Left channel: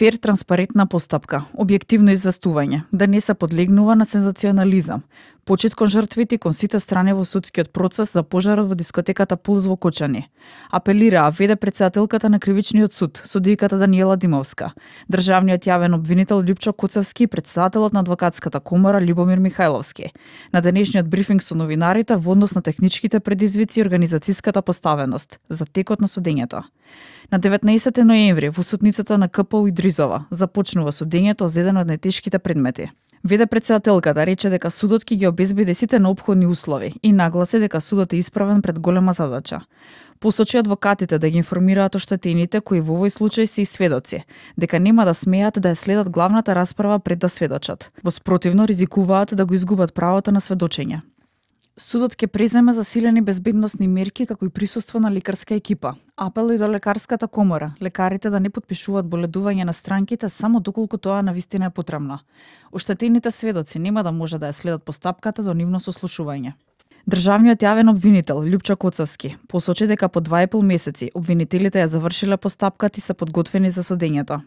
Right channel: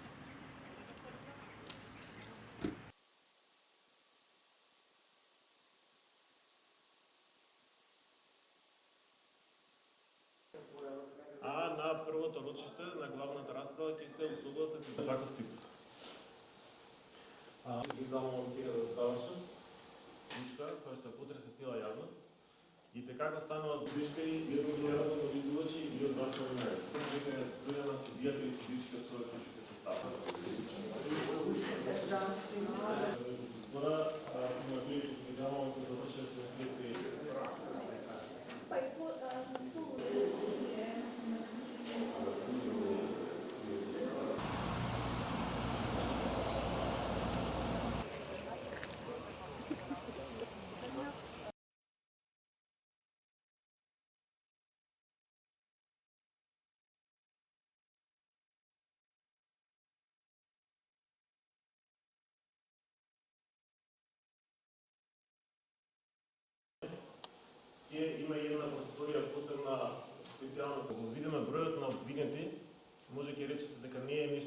Фер, транспарентна постапка, објективно известување, да не се подлегнува на сензационализам, почит кон жртвите кон сите страни во судскиот процес за пожарот во дискотеката Пулс во Кочани. Апелира веде претседателката на Кривичниот суд, судијката Даниела Димовска, државниот јавен обвинител Љупчо Коцевски и претседателот на адвокатската комора Љубомир Михајловски. На денешниот брифинг со новинарите во однос на техничките предизвици и организацијската поставеност за текот на судењето. На 19 ноември во судницата на КПУ Идризова започнува судењето за еден од најтешките предмети. Веде претседателката рече дека судот ќе ги обезбеди сите неопходни услови и нагласи дека судот е исправен пред голема задача. Посочи адвокатите да ги информираат оштетените кои во овој случај се и сведоци, дека нема да смеат да ја следат главната расправа пред да сведочат. Во спротивно ризикуваат да го изгубат правото на сведочење. Судот ќе преземе засилени безбедносни мерки како и присуство на лекарска екипа. Апел и до лекарската комора, лекарите да не подпишуваат боледување на странките само доколку тоа навистина е потребно. Оштетените сведоци нема да може да ја следат постапката до нивно сослушување. Државниот јавен обвинител Љупчо Коцевски посочи дека по 2,5 месеци обвинителите ја завршиле постапката и се подготвени за судењето.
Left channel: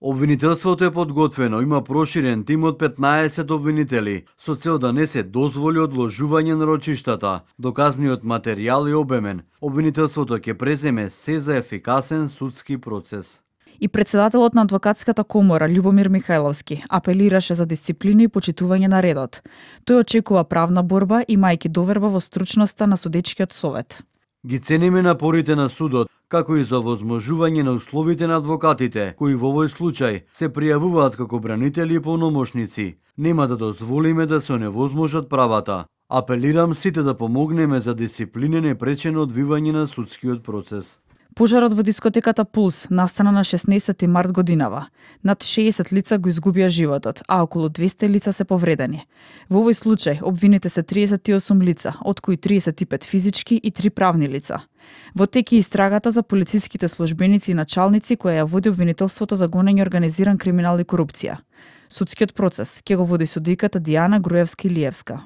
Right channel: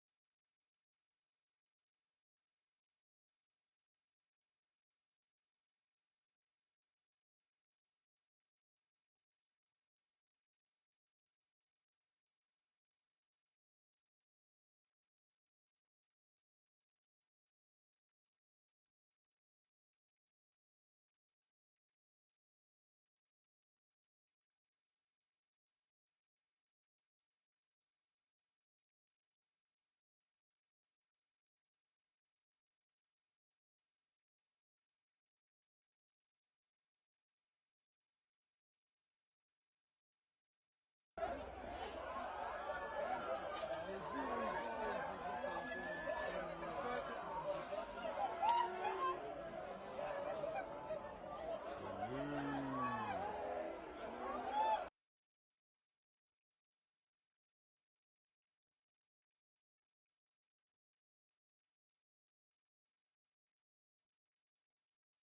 Обвинителството е подготвено, има проширен тим од 15 обвинители, со цел да не се дозволи одложување на рочиштата. Доказниот материјал е обемен. Обвинителството ќе преземе се за ефикасен судски процес. И претседателот на адвокатската комора Љубомир Михајловски апелираше за дисциплина и почитување на редот. Тој очекува правна борба имајќи доверба во стручноста на судечкиот совет. Ги цениме напорите на судот, како и за возможување на условите на адвокатите, кои во овој случај се пријавуваат како бранители и полномошници. Нема да дозволиме да се оневозможат правата. Апелирам сите да помогнеме за дисциплинен и пречено одвивање на судскиот процес. Пожарот во дискотеката Пулс настана на 16 март годинава. Над 60 лица го изгубија животот, а околу 200 лица се повредени. Во овој случај обвините се 38 лица, од кои 35 физички и 3 правни лица. Во тек е истрагата за полициските службеници и началници која ја води обвинителството за гонење организиран криминал и корупција. Судскиот процес ќе го води судијката Дијана Груевска-Илиевска.